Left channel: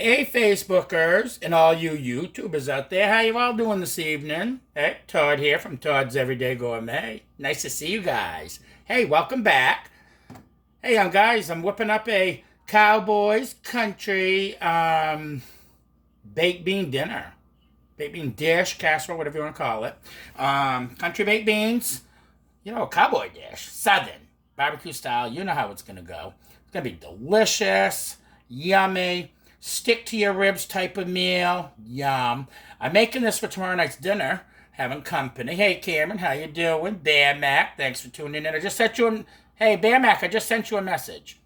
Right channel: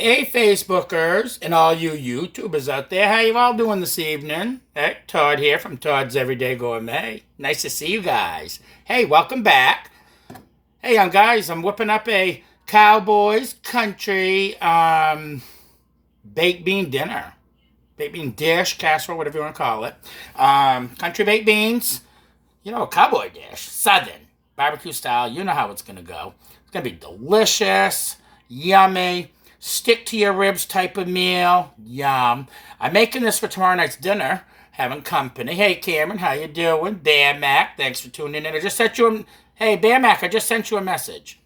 Hey, Facebookers and all you YouTubers out there, how you all doing this evening? Hey, Todd here from Todd's Everyday Gourmet. Nice to see you guys. Hey, welcome back. Hey, young guys, I'm whipping up a Cowboys country baked bean dinner. Baked bean dish, casserole, whatever you want to call it. Country baked beans, a cowboy dish, southern, barbecue style. You know how it's going to go. It's going to be delicious, yummy, stick to your ribs type of meal. Yum. I'm making this for tomorrow night's dinner, having company. Hey, Cameron, how you doing? Bear Mac, thanks for tuning in. Hey, Bear Mac, I just sent you a message.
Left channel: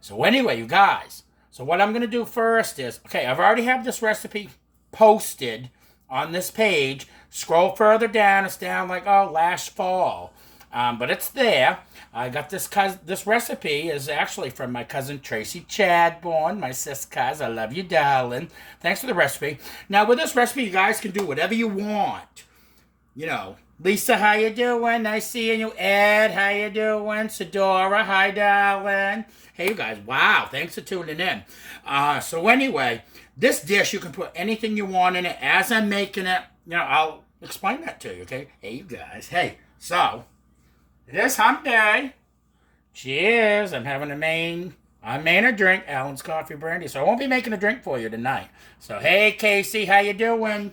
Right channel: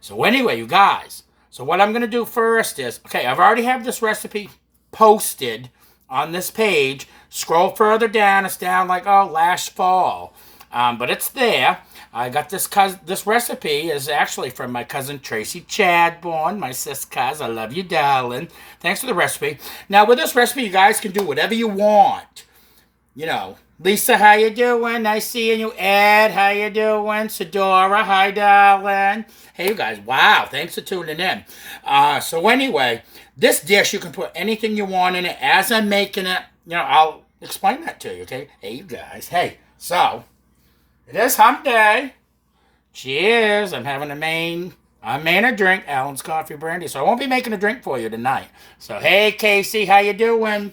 So anyway, you guys, so what I'm going to do first is, okay, I've already have this recipe posted on this page. Scroll further down. It's down like, last fall. But it's there. I got this recipe is actually from my cousin Tracy Chadbourne, my sis cuz. I love you, darling. Thanks for the recipe. Now, with this recipe, you guys can do whatever you want. Lisa, how you doing? Nice seeing you. Ed, how you doing? Sedora, hi, darling. Hey, you guys. Wow, thanks for tuning in. So anyway, this dish, you can put anything you want in it. As I'm making it, I'll explain that to you, okay? Hey, you guys. Hey, so it is hump day. Cheers. I'm having a drink. Alan's Coffee Brandy. So I won't be making a drink for you tonight. So, hey, Casey, how you doing?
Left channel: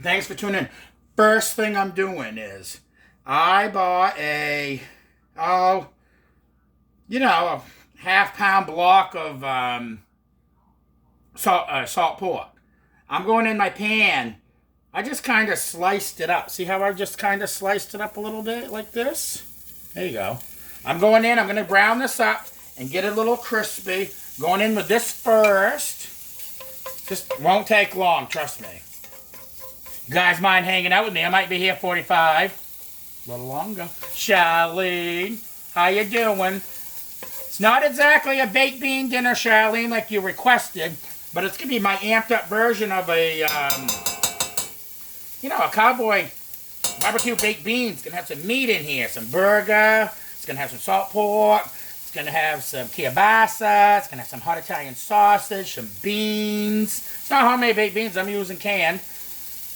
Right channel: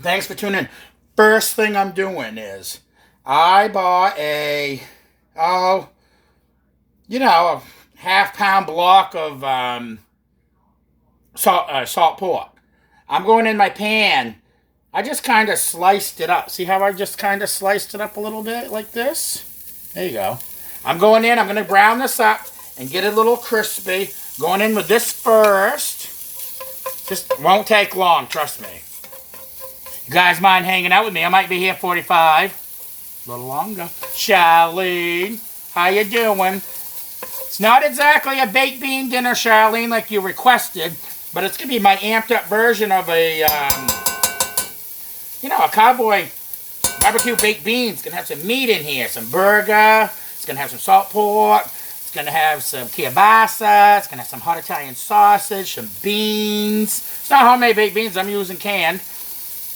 Thanks for tuning in. First thing I'm doing is I bought a half-pound block of salt pork. I'm going in my pan. I just kind of sliced it up. See how I just kind of sliced it up a little bit like this? There you go. I'm going to brown this up and get it a little crispy. Going in with this first. Just won't take long, trust me. You guys mind hanging out with me? I might be here 45. A little longer. Charlene, how you doing? It's not exactly a baked bean dinner, Charlene, like you requested, but it's going to be my amped up version of a cowboy barbecue baked beans. It's going to have some meat in here, some burger. It's going to have some salt pork. It's going to have some kielbasa. It's going to have some hot Italian sausage, some beans. It's not homemade baked beans. I'm using canned.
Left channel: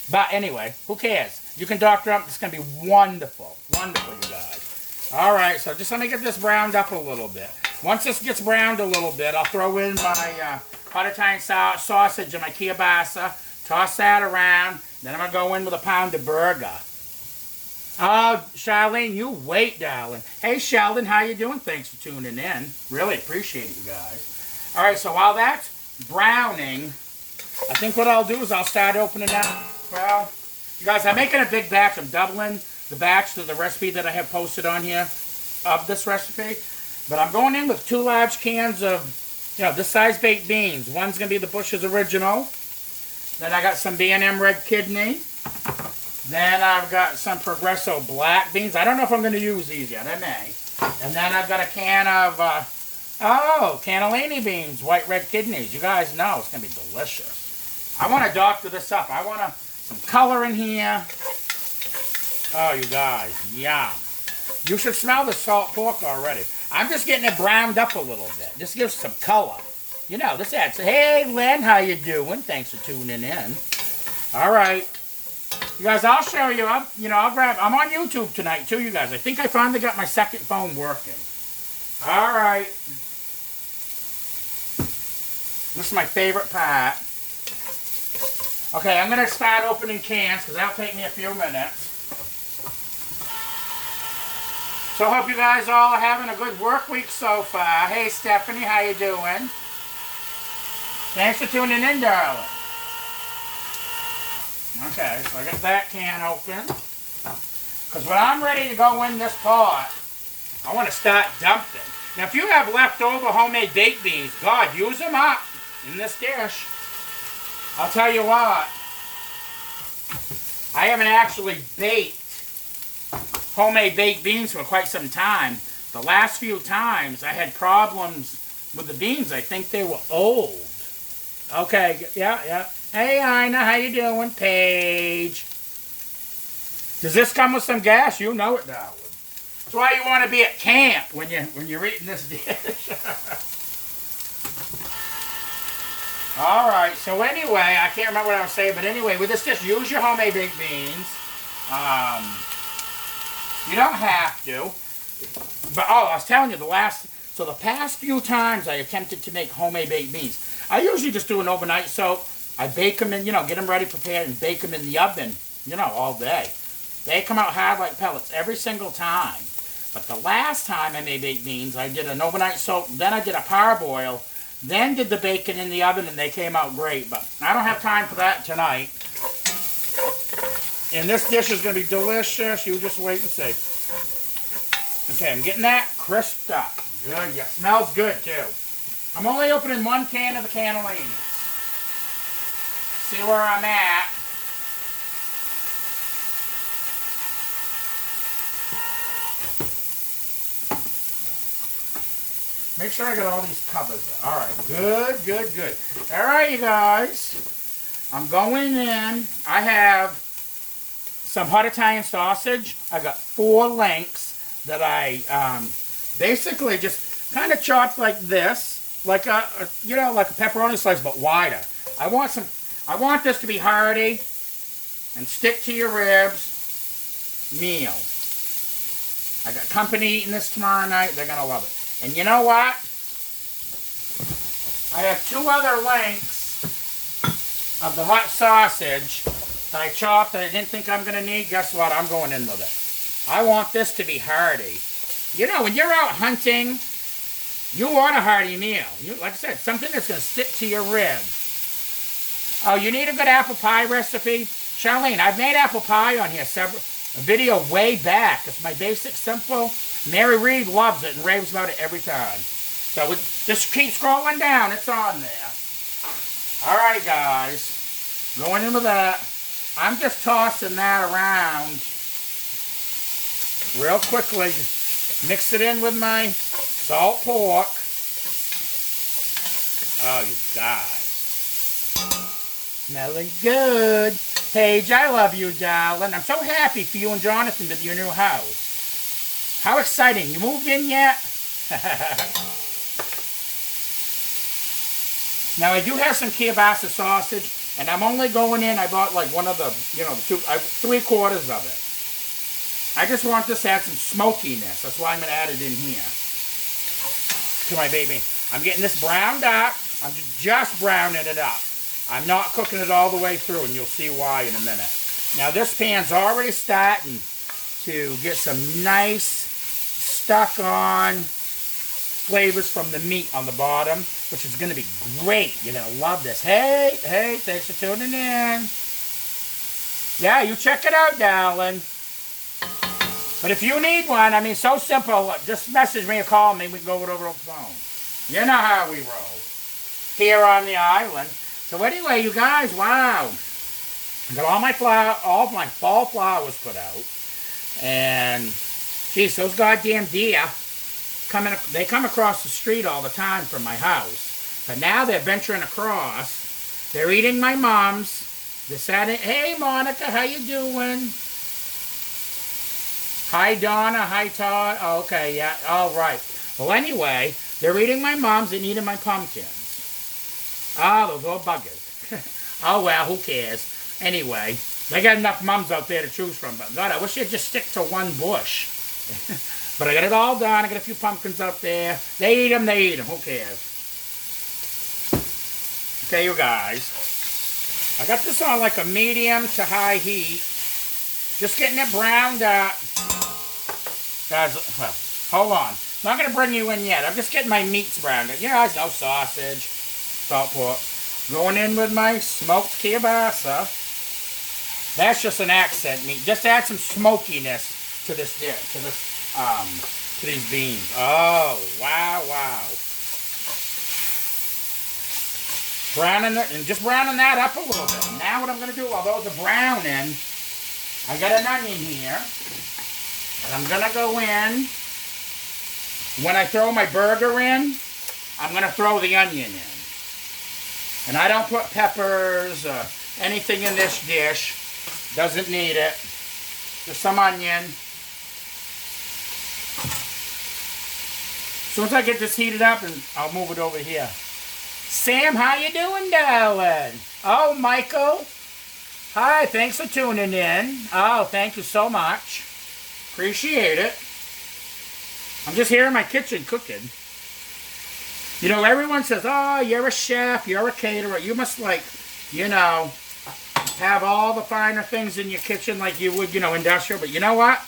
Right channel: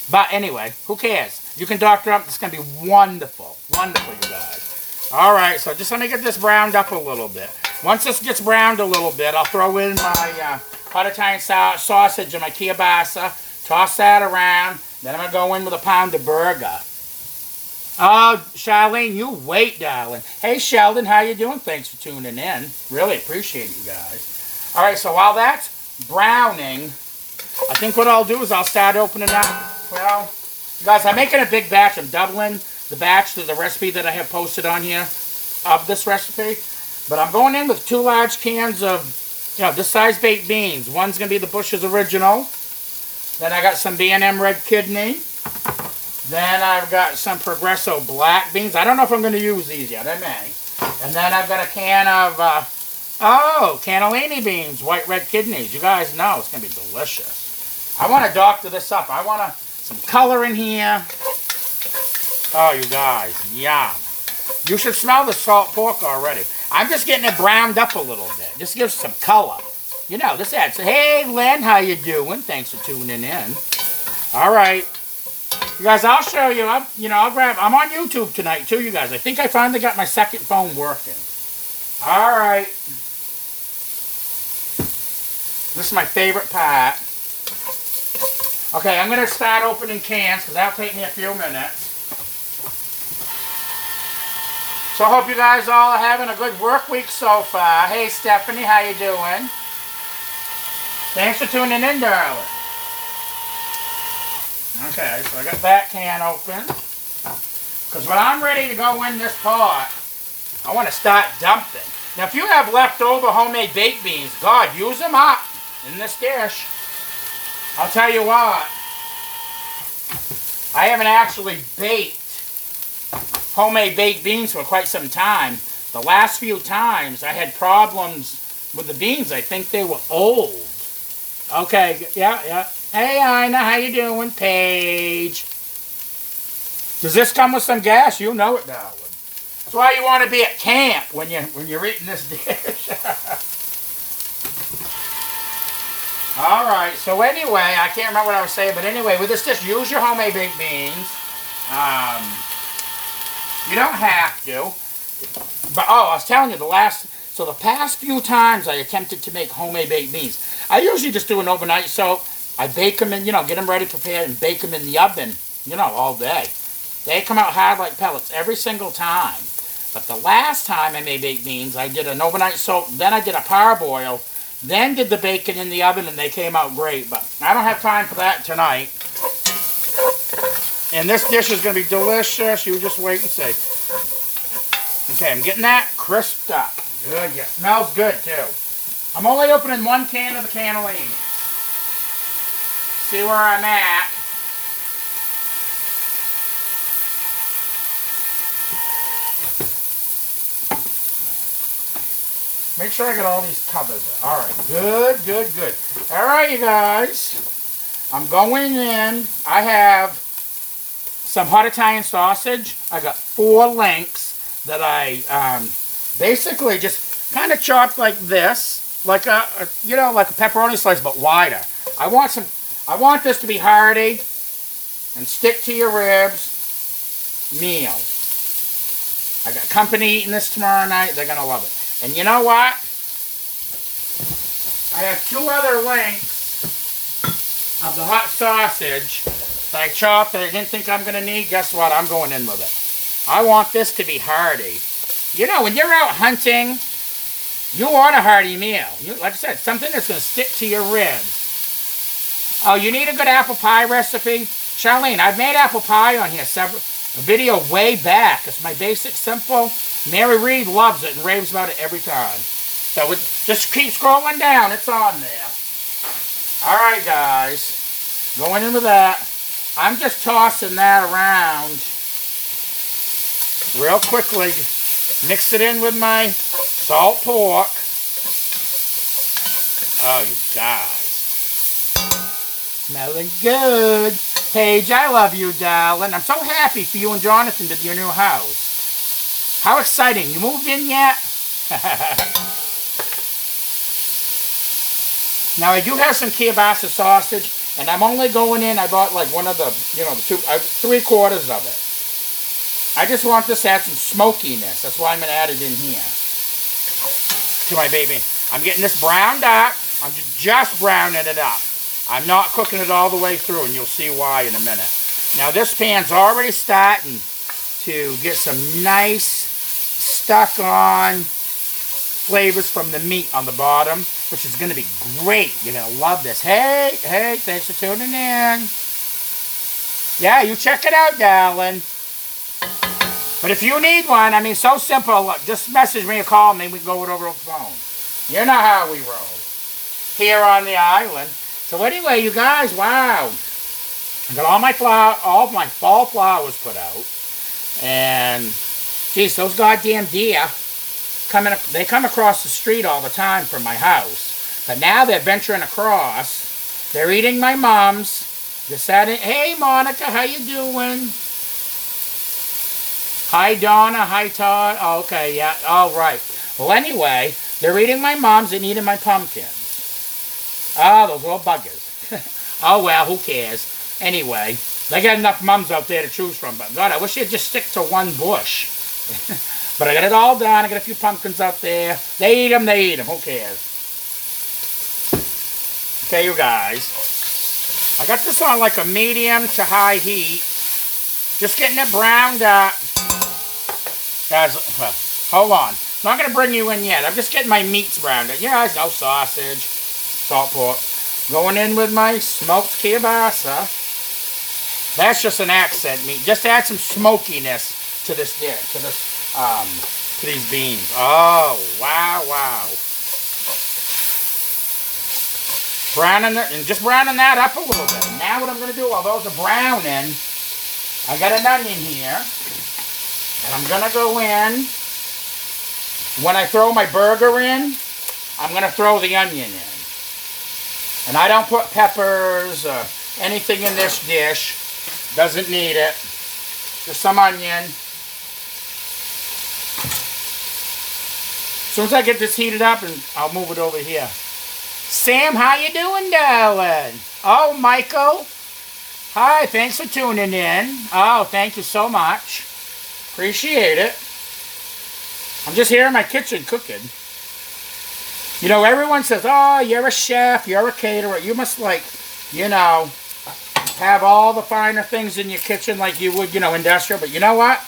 But anyway, who cares? You can doctor up. It's going to be wonderful. Wonderful, you guys. All right, so just let me get this browned up a little bit. Once this gets browned a little bit, I'll throw in my hot Italian sausage and my kielbasa. Toss that around. Then I'm going to go in with a pound of burger. Oh, Charlene, you wait, darling. Hey, Sheldon, how you doing? Thanks for tuning in. Really appreciate it, you guys. All right, so while that's browning, I think what I'll do is I'll start opening up. Well, you guys, I'm making a big batch. I'm doubling the batch to the recipe that I have posted on here of this recipe. But I'm going in with 2 large cans of, this size baked beans. One's going to be the Bush's Original. Then I got some B&M Red Kidney. Then I've got some Progresso Black Beans. I don't know if I'm going to use these yet. I may. And then I've got a can of, cannellini beans, White Red Kidneys. You guys know it's going to be delicious. I want to doctor this up. I want some color in here. Oh, you guys, yum. You should smell the salt pork already. I'm just getting it browned up a little bit. Just gives some color. This adds. Hey, Lynn, how you doing? Thanks for tuning in. All right. You guys, I'll show you. I'm on YouTube tonight, too, you guys. I think I finally got my second phone working. All right. This is my favorite part. Okay, I'm going to start opening cans because that'll take me a few minutes. So I hope you guys all are having a good work week so far. Hey, Stephanie, how you doing? Thanks for tuning in, darling. Okay, so I got that can open. Because when I'm ready to go in this pot, I want to start dumping. Now, if you have leftover homemade baked beans, God, use them up in this dish. I'll tell you what. I haven't actually baked homemade baked beans for quite some time. The last few times I had problems with the beans. I think they were old. Okay, yeah. Hey, Ina, how you doing? Paige. Does this come with some gas? You know it, darling. That's why you want to be at camp when you're eating this dish. All right, so anyway, I can't remember what I was saying, but anyway, with this dish, use your homemade baked beans. You don't have to. But, oh, I was telling you, the past few times I attempted to make homemade baked beans, I usually just do an overnight soak. I bake them in, get them ready, prepared, and bake them in the oven, all day. They come out hard like pellets every single time. But the last time I made baked beans, I did an overnight soak, then I did a parboil, then did the bacon in the oven, and they came out great. But I don't have time for that tonight. And this dish is going to be delicious. You just wait and see. Okay, I'm getting that crisped up. Good, yeah. Smells good, too. I'm only opening one can of the cannellini. See where I'm at. Make sure I got all these covers. All right, good, good, good. All right, you guys. I'm going in. I have some hot Italian sausage. I got 4 lengths that I basically just kind of chopped like this, like a pepperoni slice, but wider. I want this to be hearty and stick to your ribs meal. I got company eating this tomorrow night. They're gonna love it. And you know what? I have 2 other lengths of the hot sausage that I chopped that I didn't think I'm going to need. Guess what? I'm going in with it. I want this to be hearty. When you're out hunting, you want a hearty meal. Like I said, something that's going to stick to your ribs. Oh, you need a good apple pie recipe? Charlene, I've made apple pie on here, a video way back. It's my basic, simple. Mary Reed loves it and raves about it every time. So just keep scrolling down. It's on there. All right, guys. Going in with that. I'm just tossing that around real quickly. Mix it in with my salt pork. Oh, you guys. Smelling good. Paige, I love you, darling. I'm so happy for you and Jonathan to your new house. How exciting. You moved in yet? Now, I do have some kielbasa sausage, and I'm only going in, I bought like one of the, the 3/4 of it. I just want this to add some smokiness. That's why I'm going to add it in here to my baby. I'm getting this browned up. I'm just browning it up. I'm not cooking it all the way through, and you'll see why in a minute. Now, this pan's already starting to get some nice stuck on flavors from the meat on the bottom, which is going to be great. You're going to love this. Hey, thanks for tuning in. Yeah, you check it out, darling. But if you need one, so simple. Look, just message me or call me. We can go over the phone. You know how we roll here on the island. So anyway, you guys, wow. I got all my fall flowers put out. And, geez, those goddamn deer, they come across the street all the time from my house. But now they're venturing across. They're eating my mums. Deciding, hey, Monica, how you doing? Hi, Donna. Hi, Todd. Oh, okay, yeah, all right. Well, anyway, they're eating my mums and eating my pumpkins. Oh, those little buggers. Oh, well, who cares? Anyway, they got enough mums out there to choose from. But, God, I wish they'd just stick to one bush. But I got it all done. I got a few pumpkins out there. They eat them. Who cares? Okay, you guys. I got this on like a medium to high heat. Just getting it browned up. Guys, well, hold on. I'm not going to bring you in yet. I'm just getting my meats browned up. Yeah, no sausage, salt pork. Going in with my smoked kielbasa. That's just an accent meat. Just to add some smokiness to this dish, to these beans. Oh, wow. Just browning that up a little bit. Now what I'm going to do while those are browning, I got an onion here. And I'm going to go in. When I throw my burger in, I'm going to throw the onion in. And I don't put peppers or anything in this dish. Doesn't need it. Just some onion. As soon as I get this heated up, and I'll move it over here. Sam, how you doing, darling? Oh, Michael. Hi, thanks for tuning in. Oh, thank you so much. Appreciate it. I'm just here in my kitchen cooking. You know, everyone says, oh, you're a chef, you're a caterer. You must, like, you know, have all the finer things in your kitchen like you would, you know, industrial. But you know what?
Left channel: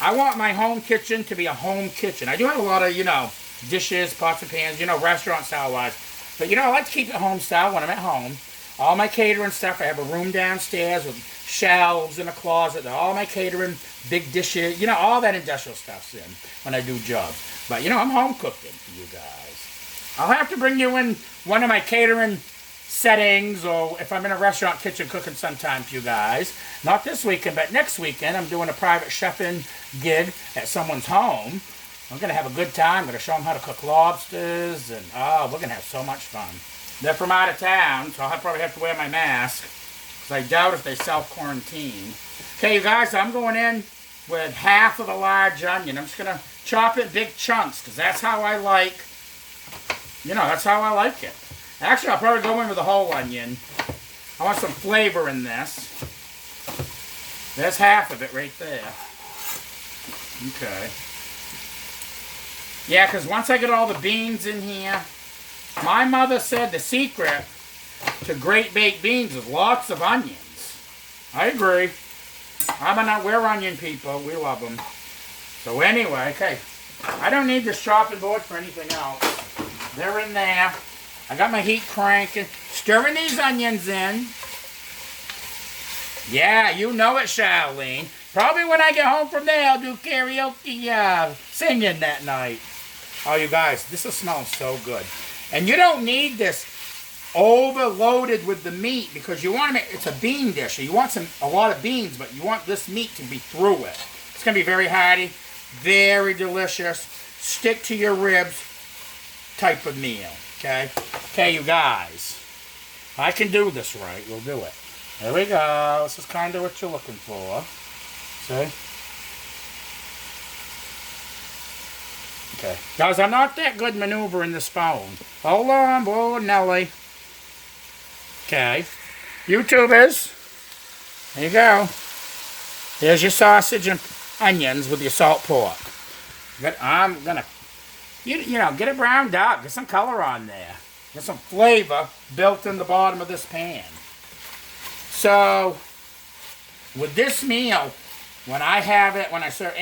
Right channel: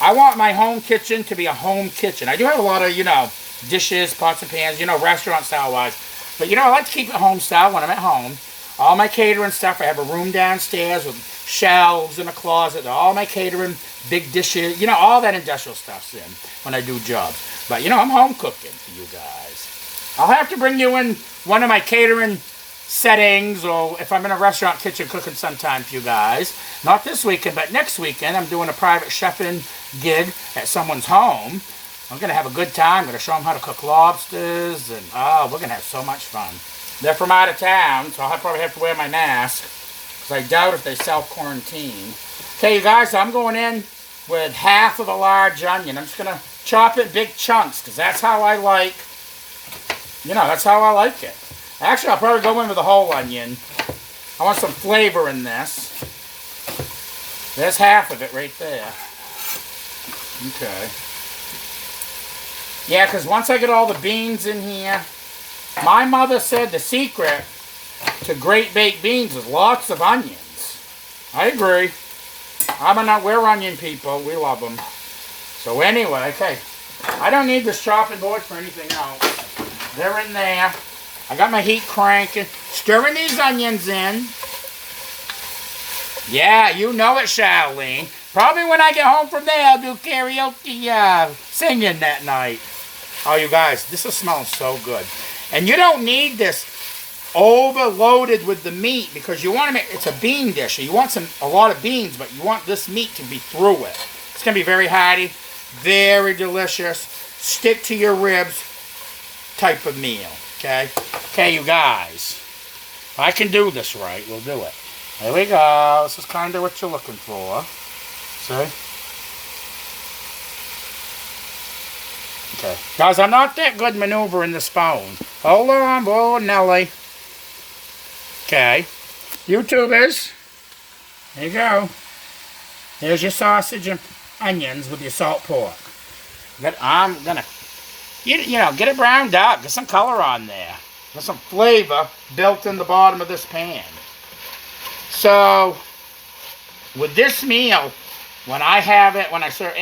I want my home kitchen to be a home kitchen. I do have a lot of, you know, dishes, pots and pans, you know, restaurant style wise. But, you know, I like to keep it home style when I'm at home. All my catering stuff, I have a room downstairs with shelves and a closet. All my catering, big dishes, you know, all that industrial stuff's in when I do jobs. But, you know, I'm home cooking for you guys. I'll have to bring you in one of my catering settings, or if I'm in a restaurant kitchen cooking sometime for you guys. Not this weekend, but next weekend I'm doing a private chefing gig at someone's home. I'm going to have a good time. I'm going to show them how to cook lobsters, and oh, we're going to have so much fun. They're from out of town, so I'll probably have to wear my mask, because I doubt if they self-quarantine. Okay, you guys, I'm going in with half of a large onion. I'm just going to chop it big chunks, because that's how I like, you know, that's how I like it. Actually, I'll probably go in with a whole onion. I want some flavor in this. There's half of it right there. Okay. Yeah, because once I get all the beans in here, my mother said the secret to great baked beans is lots of onions. I agree. We're onion people. We love them. So anyway, okay. I don't need this chopping board for anything else. They're in there. I got my heat cranking. Stirring these onions in. Yeah, you know it, Charlene. Probably when I get home from there, I'll do karaoke singing that night. Oh, you guys, this is smelling so good. And you don't need this overloaded with the meat, because you want to make, it's a bean dish. So you want a lot of beans, but you want this meat to be through it. It's going to be very hearty, very delicious, stick to your ribs type of meal. Okay? Okay, you guys. If I can do this right, we'll do it. There we go. This is kind of what you're looking for. See? Okay. Guys, I'm not that good maneuvering the spoon. Hold on, boy, Nelly. Okay. YouTubers. There you go. There's your sausage and onions with your salt pork. I'm going to, you know, get it browned up. Get some color on there. Get some flavor built in the bottom of this pan. So, with this meal, when I have it, when I serve,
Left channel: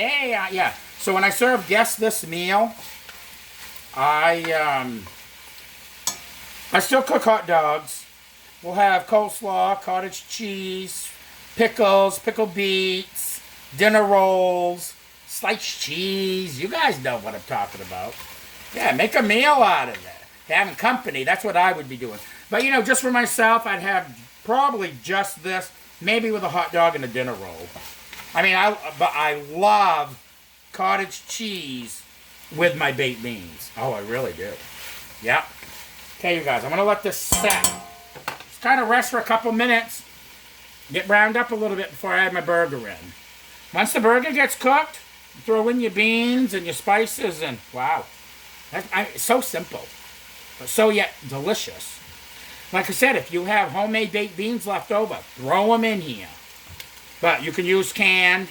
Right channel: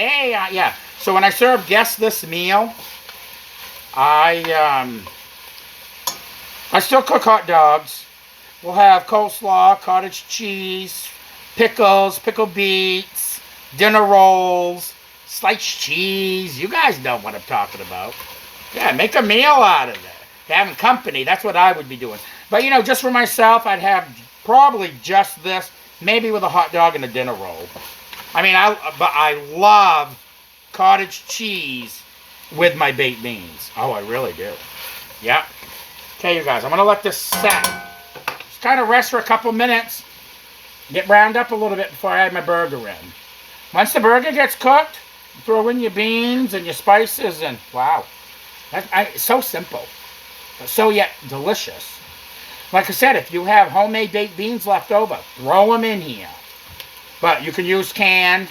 so when I serve guests this meal, I still cook hot dogs. We'll have coleslaw, cottage cheese, pickles, pickled beets, dinner rolls, sliced cheese. You guys know what I'm talking about. Yeah, make a meal out of it. Having company, that's what I would be doing. But, you know, just for myself, I'd have probably just this, maybe with a hot dog and a dinner roll. I mean, I love cottage cheese with my baked beans. Oh, I really do. Yep. Okay, you guys, I'm going to let this set. Just kind of rest for a couple minutes. Get browned up a little bit before I add my burger in. Once the burger gets cooked, throw in your beans and your spices, and wow. It's so simple. But so yet delicious. Like I said, if you have homemade baked beans left over, throw them in here. But you can use canned.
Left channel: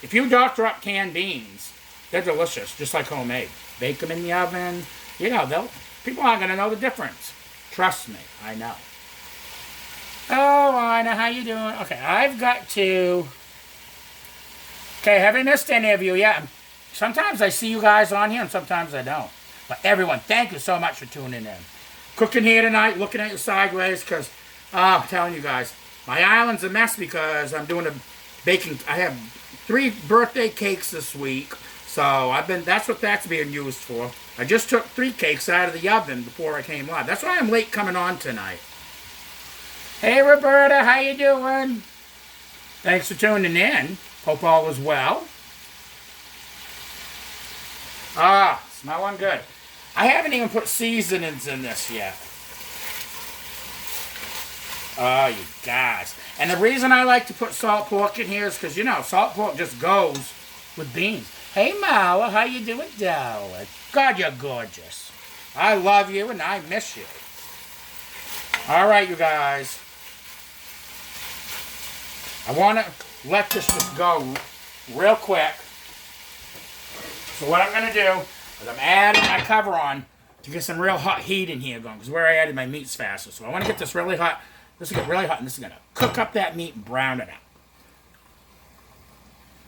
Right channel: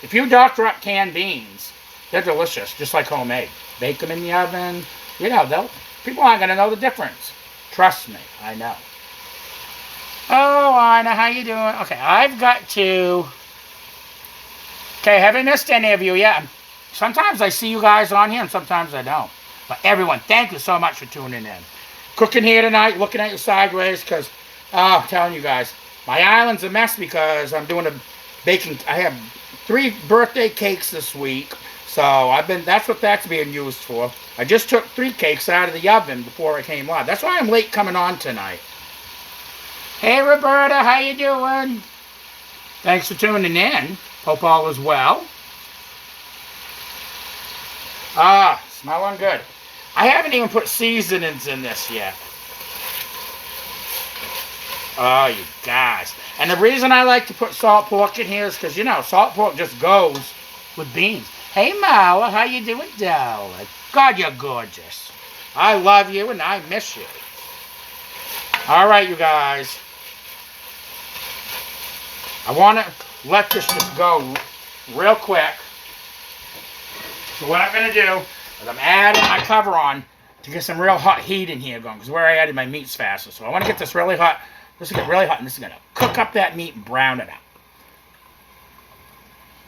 If you doctor up canned beans, they're delicious, just like homemade. Bake them in the oven. You know, people aren't going to know the difference. Trust me, I know. Oh, Anna, how you doing? Okay, I've got to... Okay, haven't missed any of you yet. Sometimes I see you guys on here, and sometimes I don't. But everyone, thank you so much for tuning in. Cooking here tonight, looking at you sideways, because, I'm telling you guys, my island's a mess because I'm doing a baking... I have 3 birthday cakes this week, so that's what that's being used for. I just took 3 cakes out of the oven before I came live. That's why I'm late coming on tonight. Hey, Roberta, how you doing? Thanks for tuning in. Hope all is well. Smelling good. I haven't even put seasonings in this yet. Oh, you guys. And the reason I like to put salt pork in here is because, you know, salt pork just goes with beans. Hey, Mala, how you doing, darling? God, you're gorgeous. I love you and I miss you. All right, you guys. I want to let this just go real quick. So what I'm going to do is I'm adding my cover on to get some real hot heat in here going, because where I added my meat's faster. So I want to get this really hot. This will get really hot, and this is going to cook up that meat and brown it up.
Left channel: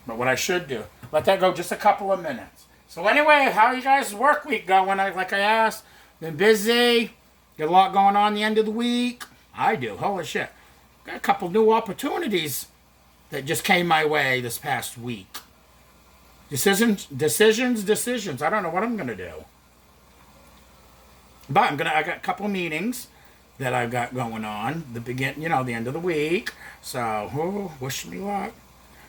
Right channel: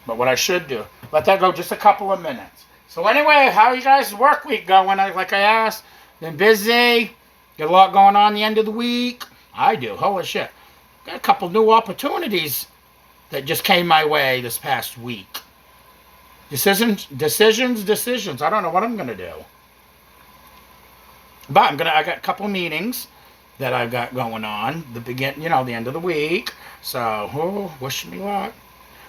But what I should do, let that go just a couple of minutes. So anyway, how are you guys' work week going? Like I asked, been busy. Got a lot going on the end of the week. I do. Holy shit. Got a couple new opportunities that just came my way this past week. Decisions. I don't know what I'm going to do. But I got a couple meetings that I've got going on. The end of the week. So, wish me luck.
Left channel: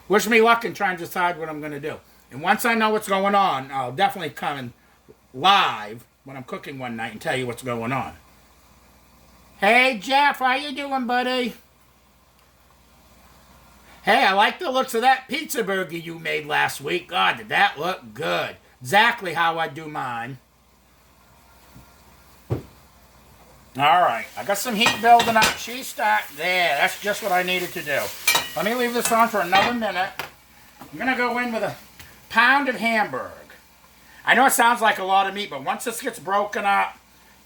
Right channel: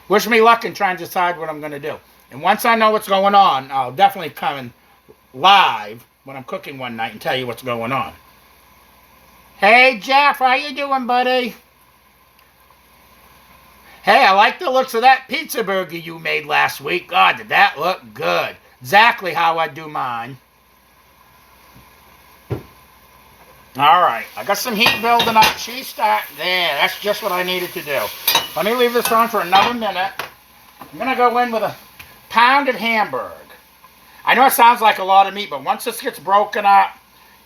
Wish me luck in trying to decide what I'm going to do. And once I know what's going on, I'll definitely come in live when I'm cooking one night and tell you what's going on. Hey, Jeff, how you doing, buddy? Hey, I like the looks of that pizza burger you made last week. God, did that look good. Exactly how I do mine. All right, I got some heat building up. She's starting. There, that's just what I needed to do. Let me leave this on for another minute. I'm going to go in with a pound of Hamburg. I know it sounds like a lot of meat, but once this gets broken up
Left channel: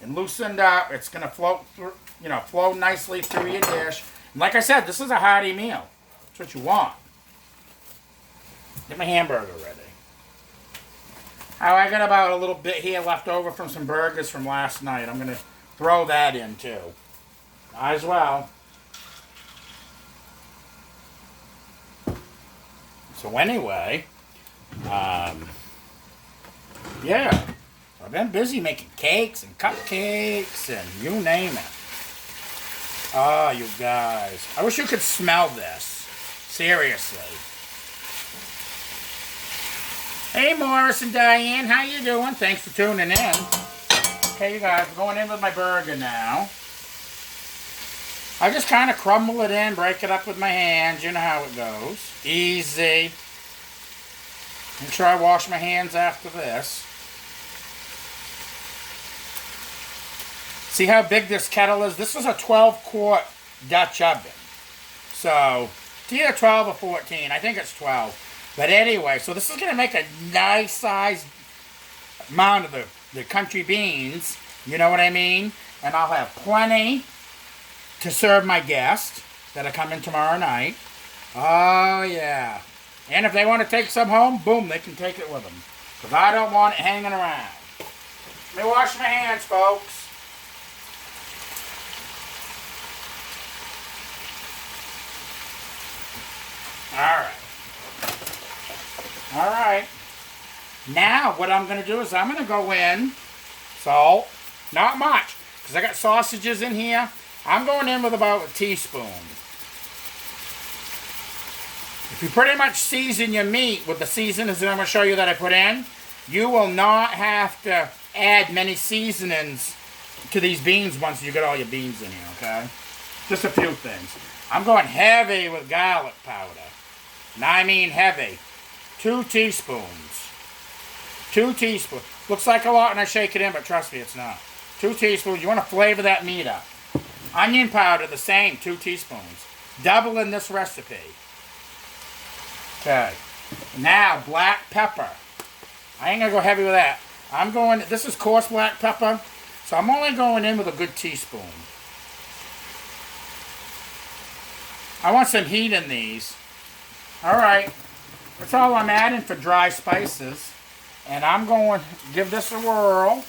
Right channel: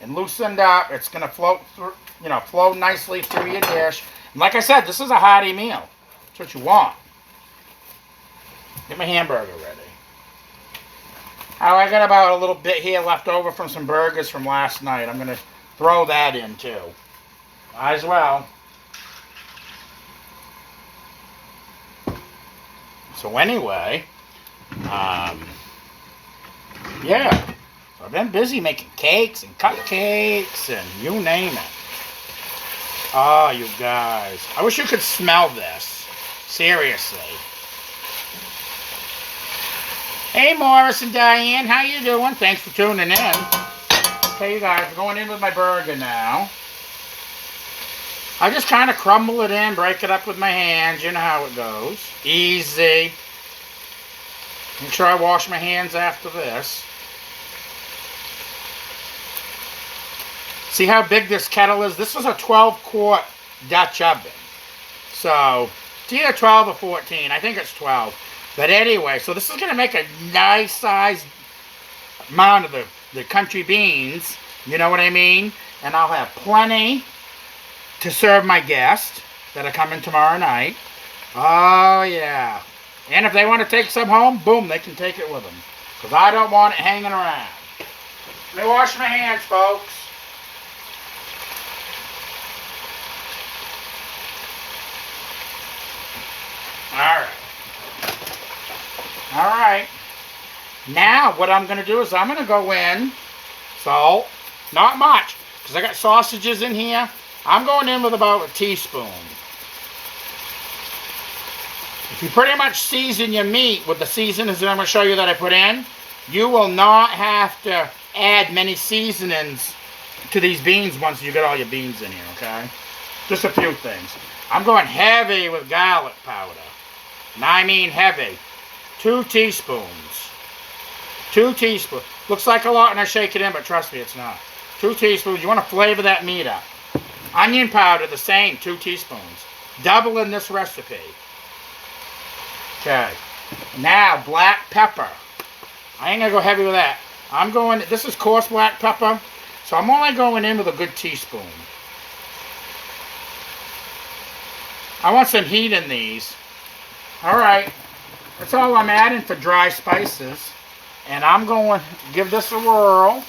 and loosened up, it's going to flow nicely through your dish. And like I said, this is a hearty meal. That's what you want. Get my hamburger ready. Oh, I got about a little bit here left over from some burgers from last night. I'm going to throw that in too. Might as well. So anyway, yeah. So I've been busy making cakes and cupcakes and you name it. Oh, you guys. I wish you could smell this. Seriously. Hey, Morris and Diane. How you doing? Thanks for tuning in. Okay, you guys. We're going in with my burger now. I just kind of crumble it in, break it up with my hands. You know how it goes. Easy. Make sure I wash my hands after this. See how big this kettle is? This is a 12-quart Dutch oven. So, it's either 12 or 14. I think it's 12. But anyway, so this is going to make a nice sized amount of the country beans. You know what I mean? And I'll have plenty to serve my guests that are coming tomorrow night. Oh, yeah. And if they want to take some home, boom, they can take it with them. Because I don't want it hanging around. Let me wash my hands, folks. All right. Now, what I'm going to do is I'm going to go in, salt, not much, because I got sausages in here. I'm going in with about a teaspoon. If you pretty much season your meat with the seasonings that I'm going to show you that I put in, you will not have to add many seasonings to these beans once you get all your beans in here, okay? Just a few things. I'm going heavy with garlic powder. And I mean heavy. 2 teaspoons. 2 teaspoons. Looks like a lot when I shake it in, but trust me, it's not. 2 teaspoons. You want to flavor that meat up. Onion powder, the same, 2 teaspoons. Double in this recipe. Okay. Now, black pepper. I ain't going to go heavy with that. I'm going, this is coarse black pepper, so I'm only going in with a good teaspoon. I want some heat in these. All right. That's all I'm adding for dry spices. And I'm going to give this a whirl.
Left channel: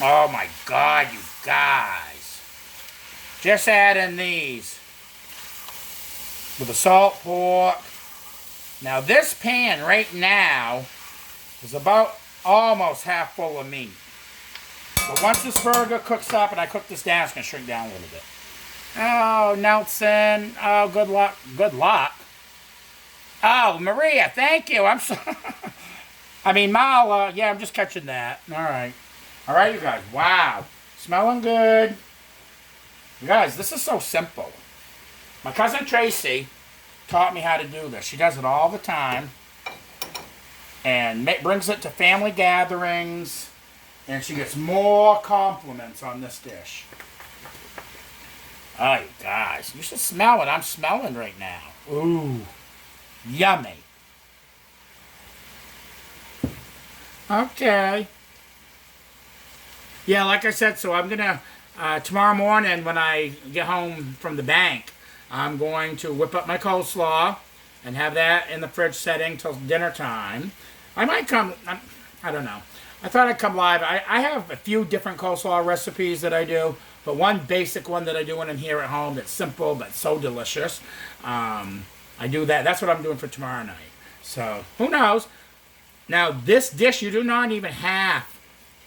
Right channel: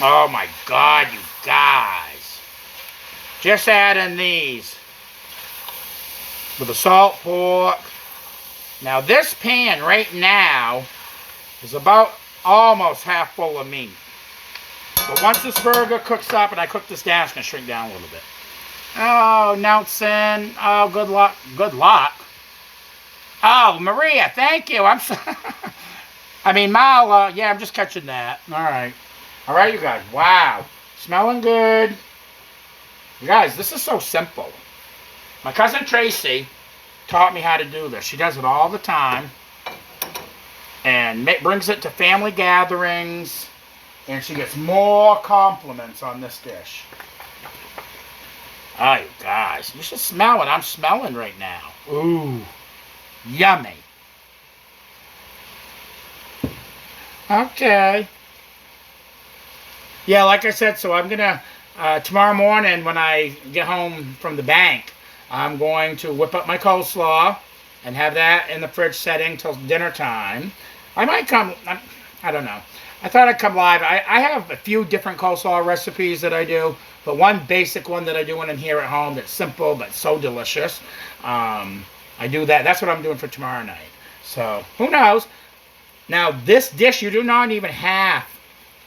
Oh my God, you guys. Just add in these. With the salt pork. Now this pan right now is about almost half full of meat. But once this burger cooks up and I cook this down, it's going to shrink down a little bit. Oh, Nelson. Oh, good luck. Good luck. Oh, Maria, thank you. I'm sorry. I mean, Mala. Yeah, I'm just catching that. All right. All right, you guys. Wow. Smelling good. You guys, this is so simple. My cousin Tracy taught me how to do this. She does it all the time. and brings it to family gatherings, and she gets more compliments on this dish. Oh, you guys, you should smell what I'm smelling right now. Ooh, yummy. Okay. Yeah, like I said, so I'm going to, tomorrow morning when I get home from the bank, I'm going to whip up my coleslaw and have that in the fridge setting till dinner time. I might come, I don't know. I thought I'd come live. I have a few different coleslaw recipes that I do, but one basic one that I do when I'm here at home that's simple but so delicious. I do that. That's what I'm doing for tomorrow night. So, who knows? Now, this dish, you do not even have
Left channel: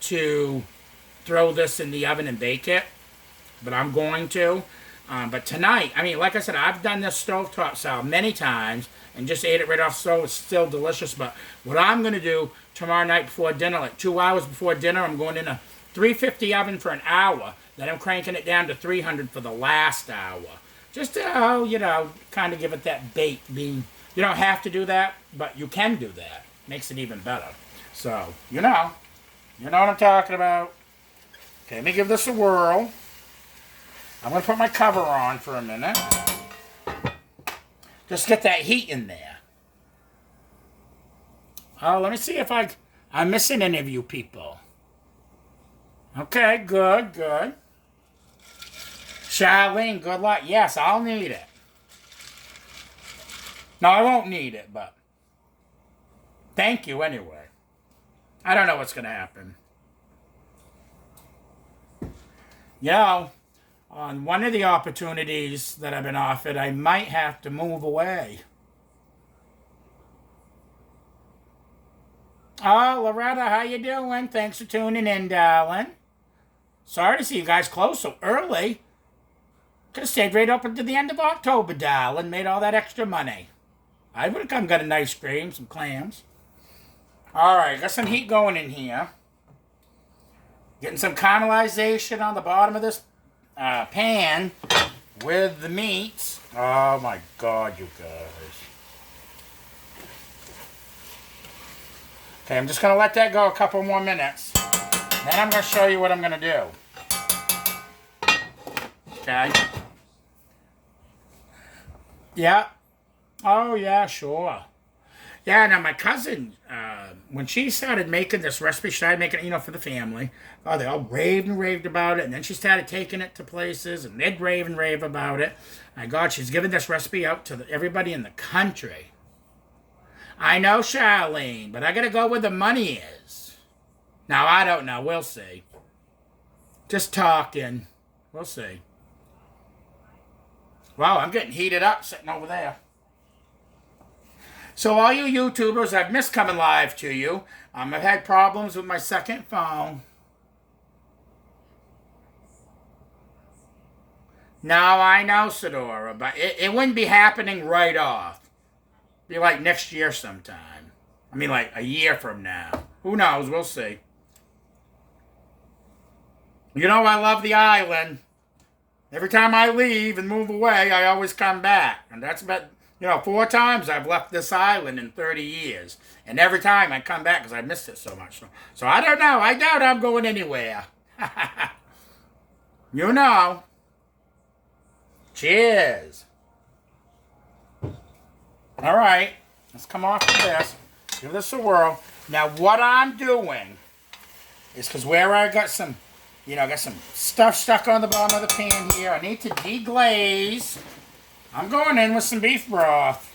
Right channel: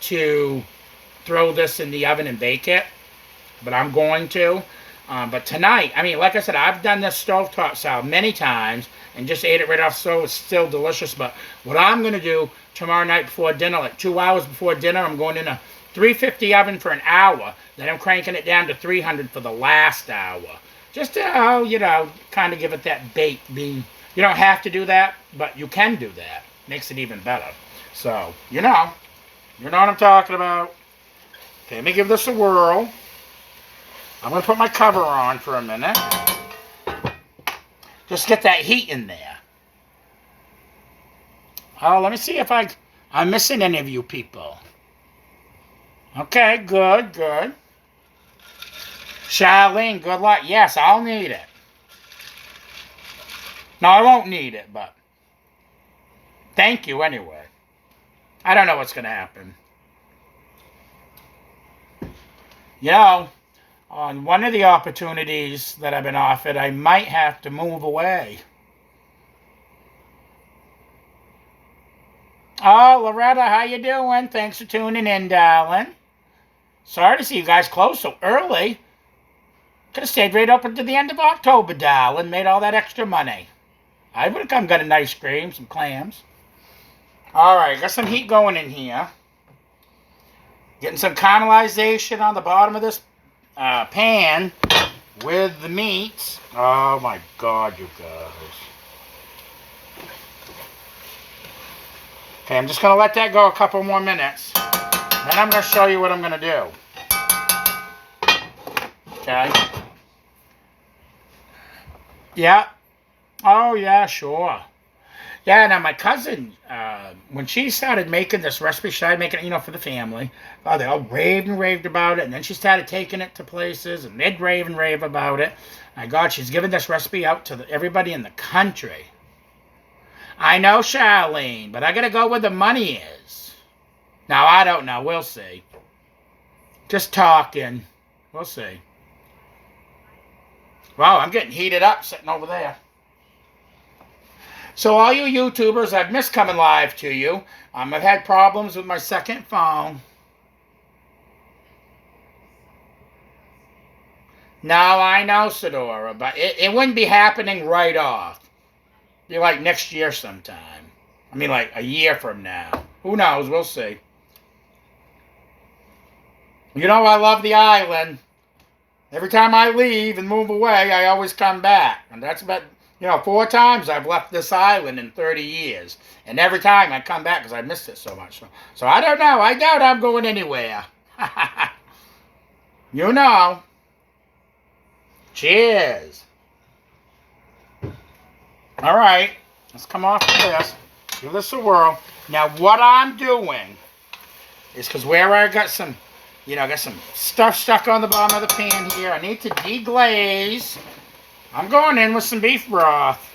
to throw this in the oven and bake it, but I'm going to. But tonight, I mean, like I said, I've done this stovetop salad many times and just ate it right off the stove. It's still delicious. But what I'm going to do tomorrow night before dinner, like 2 hours before dinner, I'm going in a 350 oven for an hour. Then I'm cranking it down to 300 for the last hour. Just to, kind of give it that baked bean. You don't have to do that, but you can do that. Makes it even better. So, you know what I'm talking about. Okay, let me give this a whirl. I'm going to put my cover on for a minute. Just get that heat in there. Oh, let me see if I'm missing any of you people. Okay, good. Charlene, good luck. Yes, I'll need it. No, I won't need it, but thank you anyway. I don't know what's going to happen. On one of the opportunities that I've been offered, I might have to move away. Oh, Loretta, how you doing? Thanks for tuning in, darling. Sorry to see you guys close so early. Could have stayed right up until the end of October, darling. Made all that extra money. I would have come got an ice cream, some clams. All right, got some heat going in here. Getting some caramelization on the bottom of this pan with the meats. Oh my God, you guys. Okay, I'm just going to let that go a couple more minutes. Then I'm going to show you what I'm going to do. Okay. Yeah. Oh, yeah, sure. Yeah, now my cousin, when she started making this recipe, she started making it, for the family. Oh, they all raved and raved about it, and then she started taking it to places, and they'd rave and rave about it. My God, she's giving this recipe out to everybody in the country. I know, Charlene, but I gotta go where the money is. Now, I don't know. We'll see. Just talking. We'll see. Wow, I'm getting heated up sitting over there. So all you YouTubers, I've missed coming live to you. I've had problems with my second phone. No, I know, Sedora, but it wouldn't be happening right off. It'd be like next year sometime. I mean, like a year from now. Who knows? We'll see. I love the island. Every time I leave and move away, I always come back. And that's about, 4 times I've left this island in 30 years. And every time I come back because I missed it so much. So I don't know. I doubt I'm going anywhere. Cheers. All right. Let's come off of this. Give this a whirl. Now, what I'm doing is because where I got some, got some stuff stuck on the bottom of the pan here. I need to deglaze. I'm going in with some beef broth.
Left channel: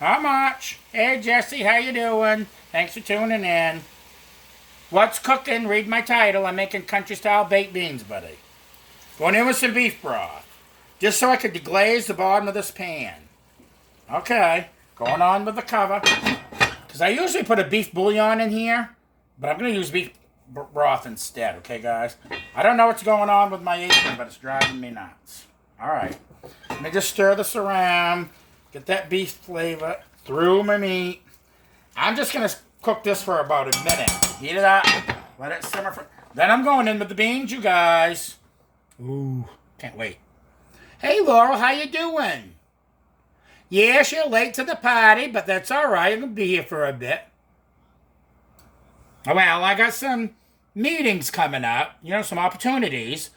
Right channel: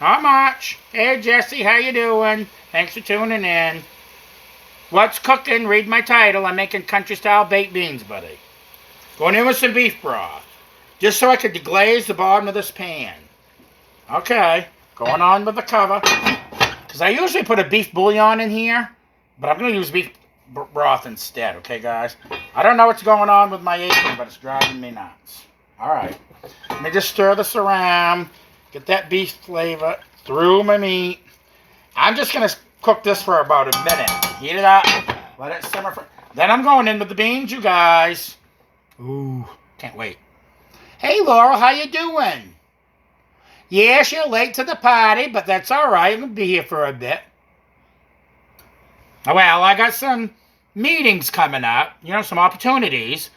Not much. Hey, Jesse, how you doing? Thanks for tuning in. What's cooking? Read my title. I'm making country-style baked beans, buddy. Going in with some beef broth. Just so I could deglaze the bottom of this pan. Okay. Going on with the cover. Because I usually put a beef bouillon in here. But I'm going to use beef broth instead. Okay, guys? I don't know what's going on with my apron, but it's driving me nuts. All right. Let me just stir this around. Get that beef flavor through my meat. I'm just going to cook this for about a minute. Heat it up. Let it simmer. Then I'm going in with the beans, you guys. Ooh. Can't wait. Hey, Laurel. How you doing? Yes, you're late to the party, but that's all right. I'm going to be here for a bit. Well, I got some meetings coming up, some opportunities,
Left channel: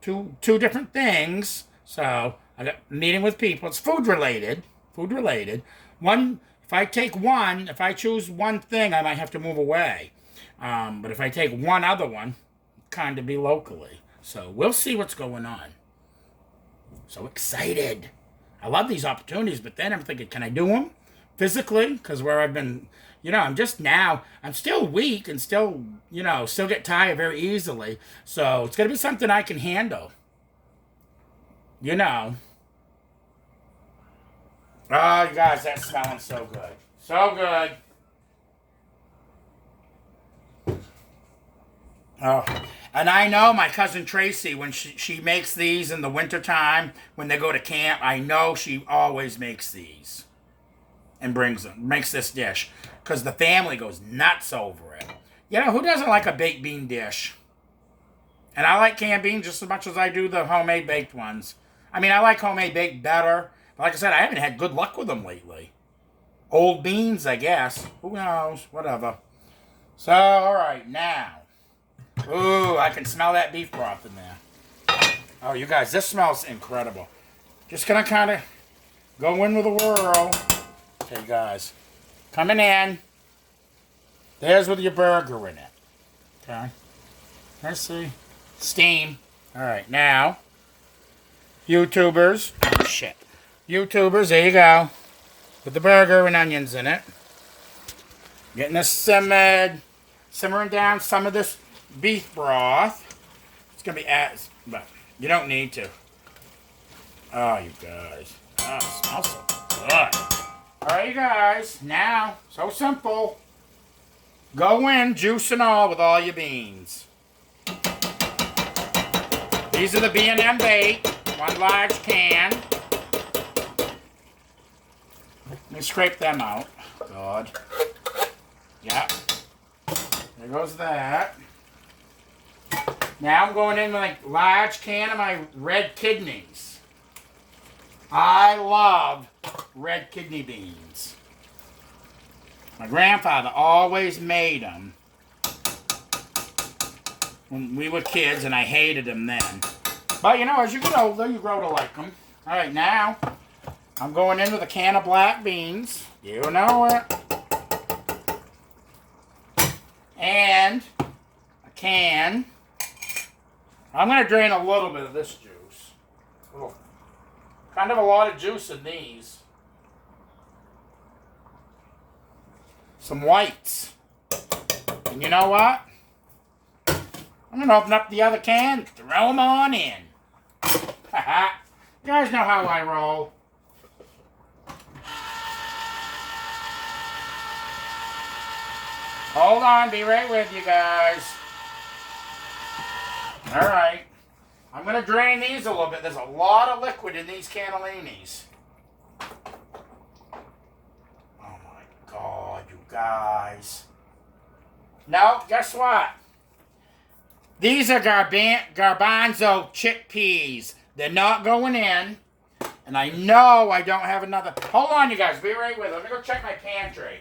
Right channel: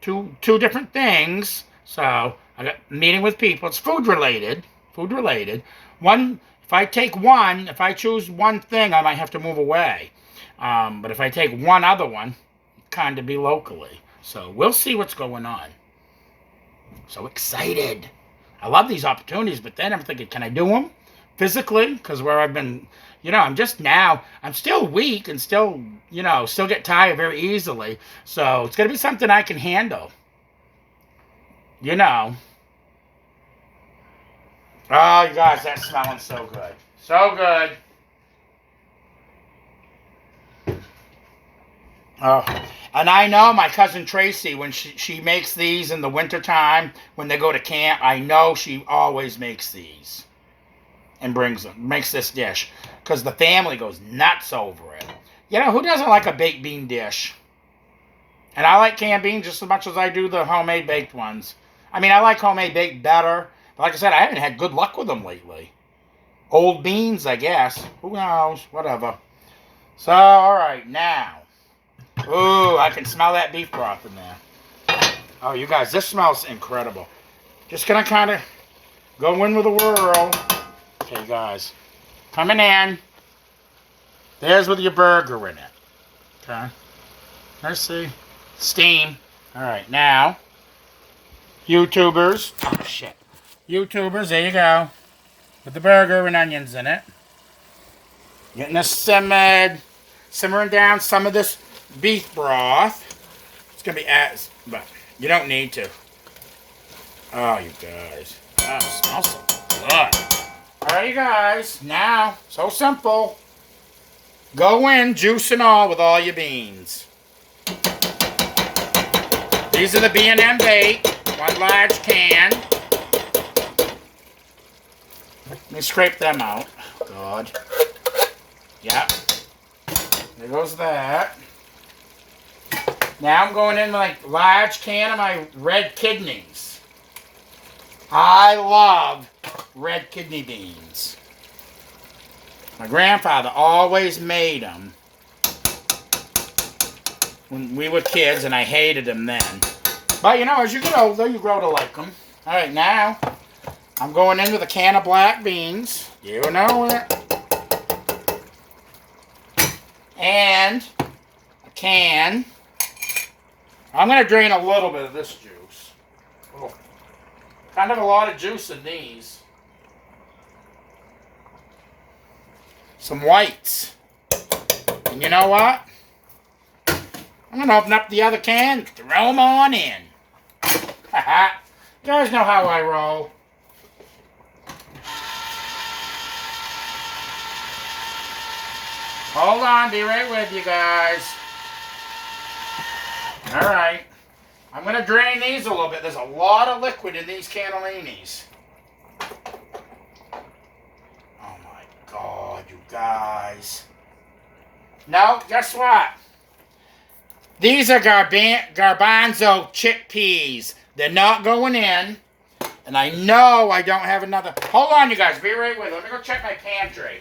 two different things. So I got a meeting with people. It's food related. Food related. If I choose one thing, I might have to move away. But if I take one other one, kind of be locally. So we'll see what's going on. So excited. I love these opportunities, but then I'm thinking, can I do them physically? Because where I've been, I'm still weak and still get tired very easily. So it's going to be something I can handle. Oh, you guys, that's smelling so good. So good. Oh, and I know my cousin Tracy, when she makes these in the wintertime, when they go to camp, I know she always makes these and makes this dish. Because the family goes nuts over it. Who doesn't like a baked bean dish? And I like canned beans just as much as I do the homemade baked ones. I mean, I like homemade baked better. But like I said, I haven't had good luck with them lately. Old beans, I guess. Who knows? Whatever. So, alright, now. Ooh, I can smell that beef broth in there. Oh, you guys, this smells incredible. Just gonna kind of go in with a whirl. Okay, guys. Coming in. There's with your burger in it. Okay. Let's see. Steam. Alright, now. YouTubers. Oh, shit. YouTubers, there you go. With the burger and onions in it. Getting this simmering down some of this beef broth. It's going to be but you don't need to. Oh, you guys. Oh, it smells so good. Alright, you guys. Now, so simple. Go in, juice and all, with all your beans. These are the B&M bait. One large can. Let me scrape them out. God. Yep. There goes that. Now I'm going in with a large can of my red kidneys. I love red kidney beans. My grandfather always made them when we were kids, and I hated them then. But as you get older, you grow to like them. Alright, now I'm going in with a can of black beans. You know it. And a can. I'm going to drain a little bit of this juice. Oh, kind of a lot of juice in these. Some whites. And you know what? I'm going to open up the other can, throw them on in. You guys know how I roll. Hold on, be right with you guys. Alright. I'm going to drain these a little bit. There's a lot of liquid in these cannellinis. Oh my God, you guys. No, guess what? These are garbanzo chickpeas. They're not going in. And I know I don't have another. Hold on, you guys. Be right with me. Let me go check my pantry.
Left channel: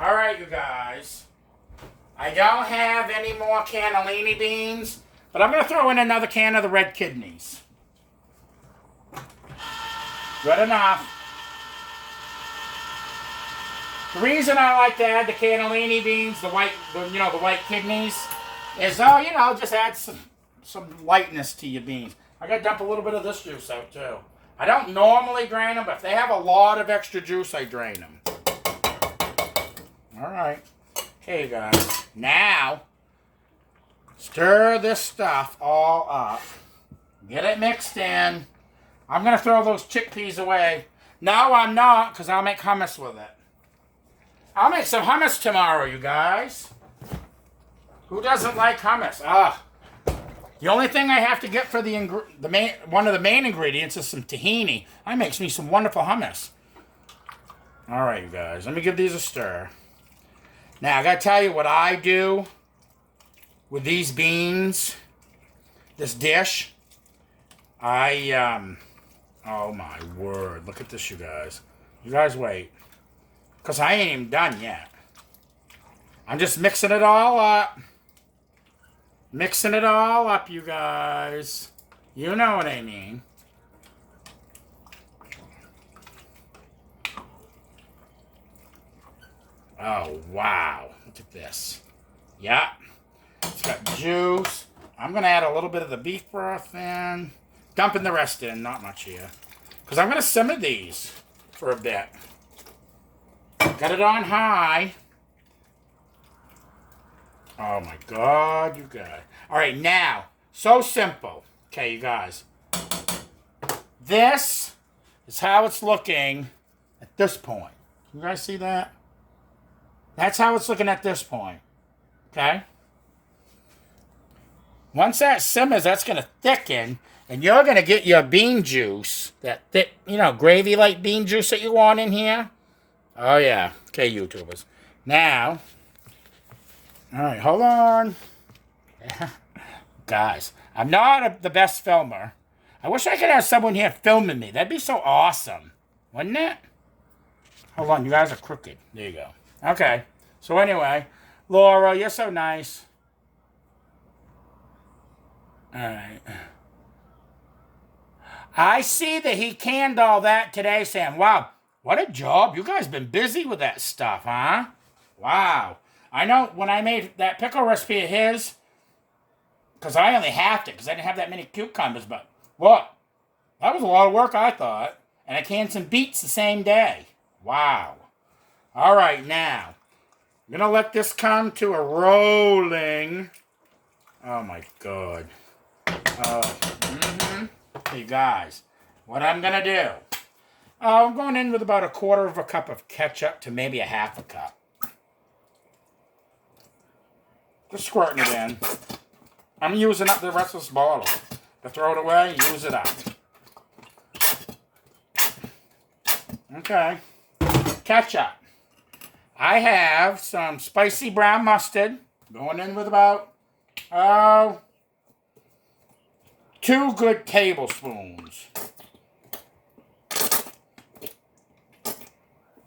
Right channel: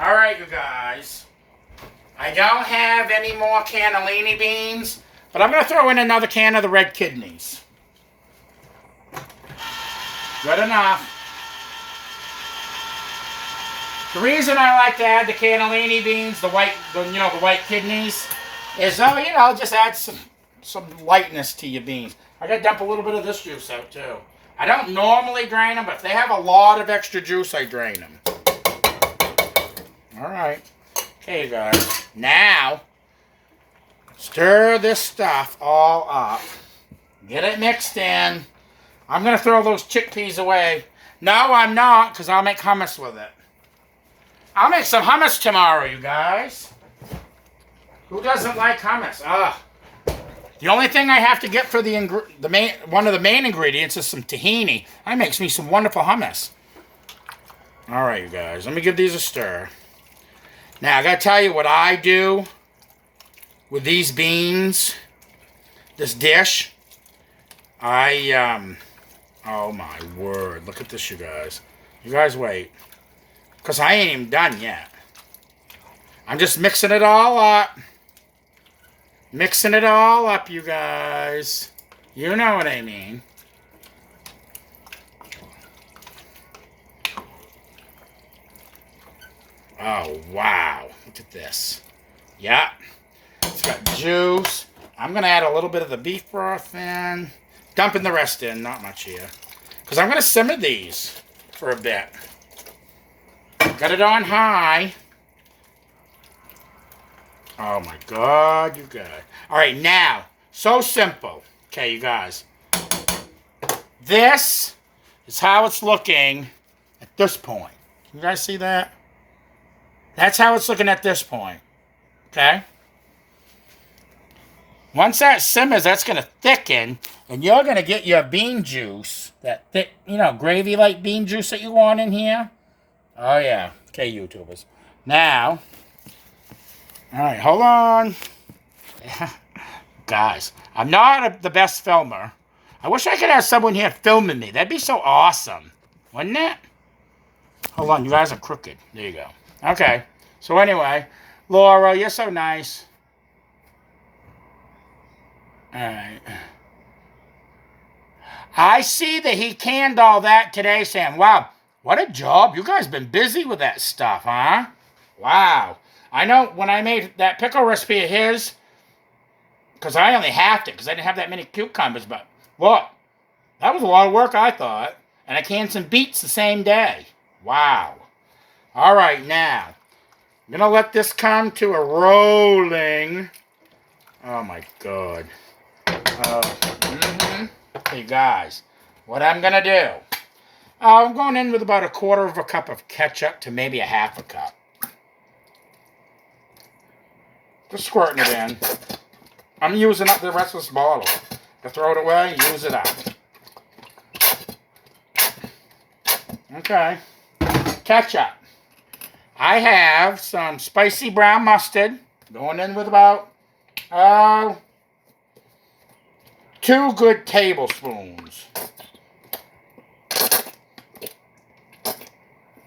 Alright, you guys. I don't have any more cannellini beans, but I'm going to throw in another can of the red kidneys. Good enough. The reason I like to add the cannellini beans, the white kidneys, is just add some lightness to your beans. I got to dump a little bit of this juice out too. I don't normally drain them, but if they have a lot of extra juice, I drain them. Alright. Okay, you guys. Now, stir this stuff all up. Get it mixed in. I'm going to throw those chickpeas away. No, I'm not, because I'll make hummus with it. I'll make some hummus tomorrow, you guys. Who doesn't like hummus? The only thing I have to get for one of the main ingredients is some tahini. That makes me some wonderful hummus. All right, you guys. Let me give these a stir. Now, I got to tell you what I do with these beans, this dish. Oh my word. Look at this, you guys. You guys wait. Because I ain't even done yet. I'm just mixing it all up. Mixing it all up, you guys. You know what I mean. Oh, wow. Look at this. Yeah. It's got juice. I'm going to add a little bit of the beef broth in. Dumping the rest in. Not much here. Because I'm going to simmer these for a bit. Got it on high. Oh, my God, you guys. All right, now, so simple. Okay, you guys. This is how it's looking at this point. You guys see that? That's how it's looking at this point. Okay? Once that simmers, that's going to thicken, and you're going to get your bean juice, that thick, gravy-like bean juice that you want in here. Oh, yeah. Okay, YouTubers. Now, all right, hold on. Guys, I'm not the best filmer. I wish I could have someone here filming me. That'd be so awesome. Wouldn't it? Hold on, you guys are crooked. There you go. Okay. So anyway, Laura, you're so nice. All right. I see that he canned all that today, Sam. Wow, what a job. You guys been busy with that stuff, huh? Wow. I know when I made that pickle recipe of his, because I only halved it because I didn't have that many cucumbers, but look, that was a lot of work, I thought. And I canned some beets the same day. Wow. All right, now, I'm going to let this come to a rolling. Oh, my God. Hey, guys, what I'm going to do, I'm going in with about 1/4 cup of ketchup to maybe 1/2 cup. Just squirting it in. I'm using up the rest of this bottle. To throw it away, use it up. Okay. Ketchup. I have some spicy brown mustard. Going in with about 2 good tablespoons.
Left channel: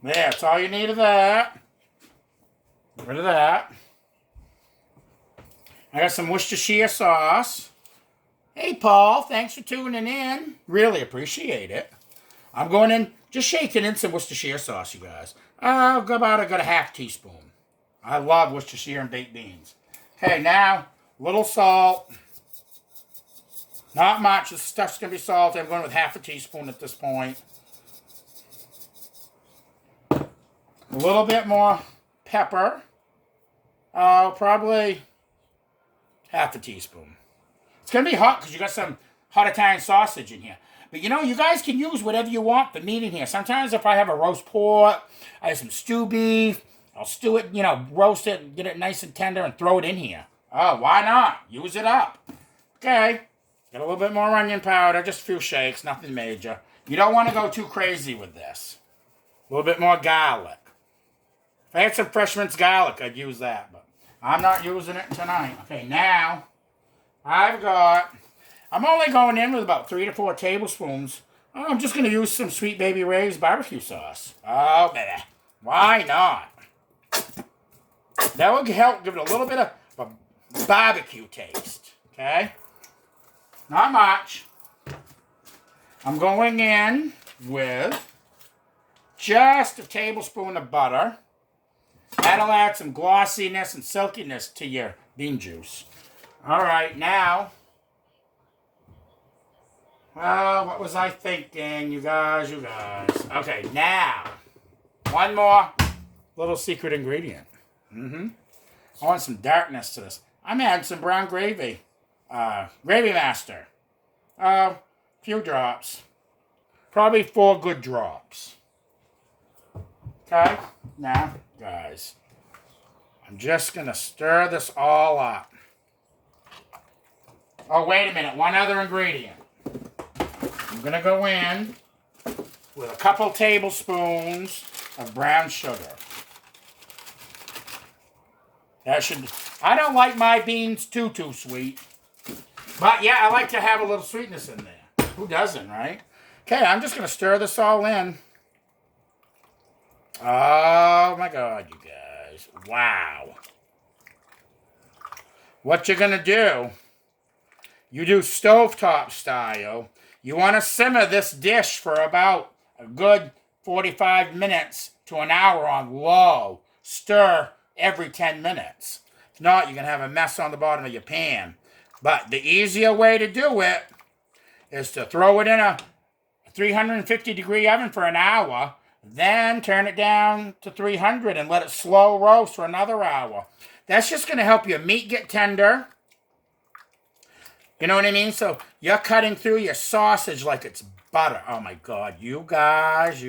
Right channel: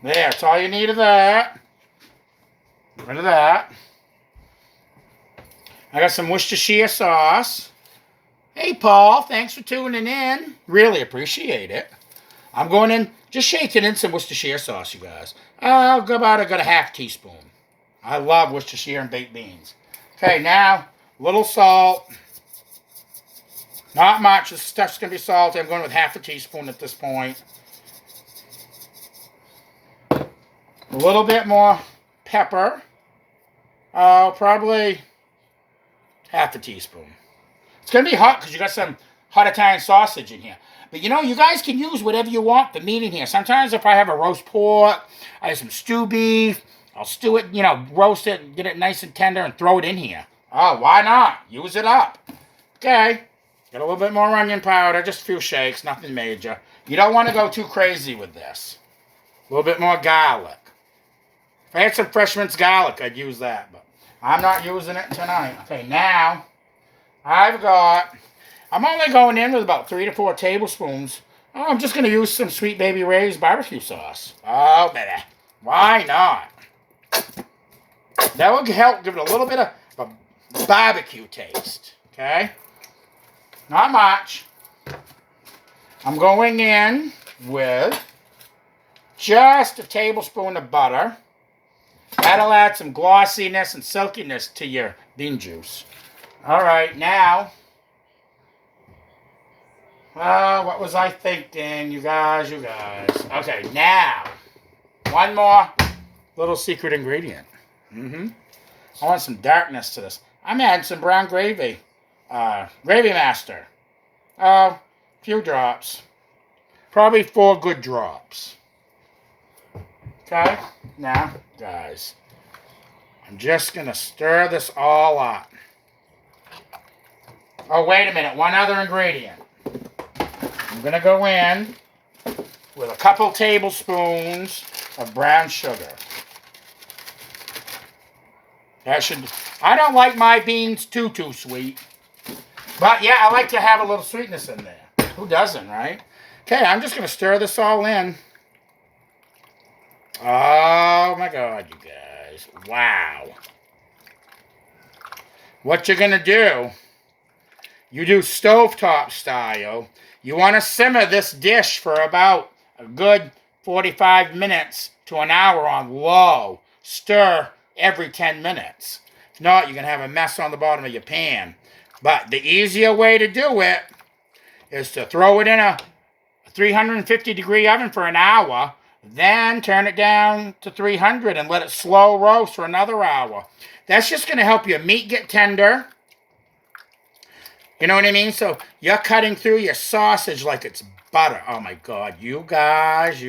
There, that's all you need of that. Get rid of that. I got some Worcestershire sauce. Hey, Paul, thanks for tuning in. Really appreciate it. I'm going in, just shaking in some Worcestershire sauce, you guys. I got a 1/2 teaspoon. I love Worcestershire and baked beans. Okay, now, a little salt. Not much. This stuff's going to be salty. I'm going with 1/2 teaspoon at this point. A little bit more pepper. Probably 1/2 teaspoon. It's going to be hot because you got some hot Italian sausage in here. But you guys can use whatever you want for meat in here. Sometimes if I have a roast pork, I have some stew beef, I'll stew it, roast it, get it nice and tender and throw it in here. Oh, why not? Use it up. Okay. Got a little bit more onion powder, just a few shakes, nothing major. You don't want to go too crazy with this. A little bit more garlic. If I had some fresh minced garlic, I'd use that, but I'm not using it tonight. Okay, now, I'm only going in with about 3 to 4 tablespoons. Oh, I'm just going to use some Sweet Baby Ray's barbecue sauce. Oh, baby. Why not? That will help give it a little bit of a barbecue taste. Okay? Not much. I'm going in with just a tablespoon of butter. That'll add some glossiness and silkiness to your bean juice. All right, now, what was I thinking, you guys? Okay, now, one more little secret ingredient. I want some darkness to this. I'm adding some brown gravy. Gravy Master. Few drops. Probably 4 good drops. Okay? Now, guys, I'm just going to stir this all up. Oh, wait a minute. One other ingredient. I'm going to go in with a couple tablespoons of brown sugar. That should. I don't like my beans too sweet. But yeah, I like to have a little sweetness in there. Who doesn't, right? Okay, I'm just going to stir this all in. Oh my God, you guys. Wow. What you're going to do, you do stovetop style. You want to simmer this dish for about a good 45 minutes to an hour on low. Stir every 10 minutes. If not, you're going to have a mess on the bottom of your pan. But the easier way to do it is to throw it in a 350-degree oven for an hour, then turn it down to 300 and let it slow roast for another hour. That's just going to help your meat get tender. You know what I mean? So you're cutting through your sausage like it's butter. Oh my God, you guys.